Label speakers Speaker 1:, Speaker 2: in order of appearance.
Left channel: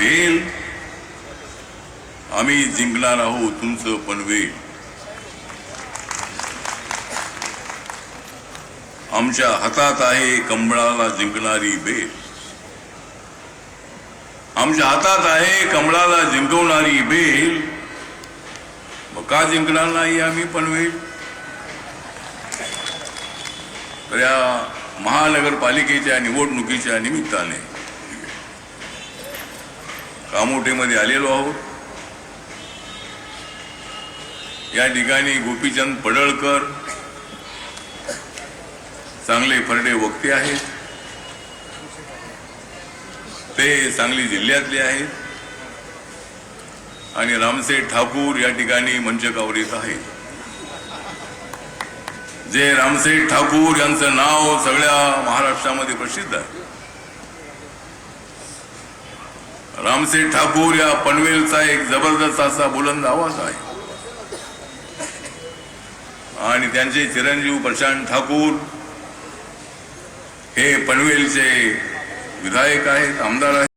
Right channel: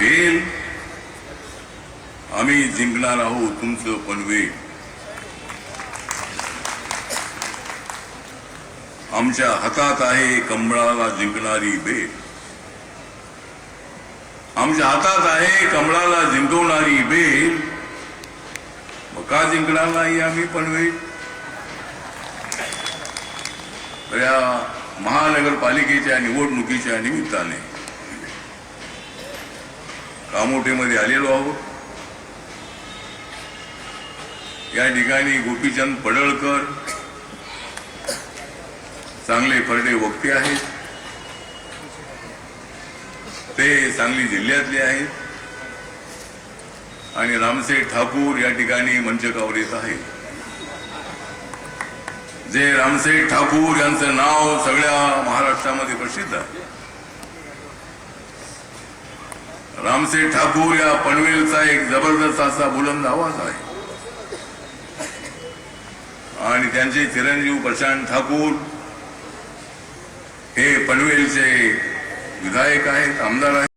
Speaker 1: भेल. आम्ही जिंकणार आहोत तुमचं पनवेल आमच्या हातात आहे कमळाला जिंकणारी बेल आमच्या हातात आहे कमळाला जिंकवणारी बेल मग का जिंकणार नाही आम्ही पनवेल तर या महानगरपालिकेच्या निवडणुकीच्या निमित्ताने कामोठेमध्ये आलेलो आहोत. या ठिकाणी गोपीचंद पडळकर चांगले फरडे वक्ते आहेत. ते सांगली जिल्ह्यातले आहेत. आणि रामसेठ ठाकूर या ठिकाणी मंचकावर येत आहेत जे रामसेठ ठाकूर यांचं नाव सगळ्या महाराष्ट्रामध्ये प्रसिद्ध आहे. रामसेठ ठाकूर या पनवेलचा एक जबरदस्त असा बुलंद आवाज आहे. आणि त्यांचे चिरंजीव प्रशांत ठाकूर हे पनवेलचे विधायक आहेत आमदार आहेत.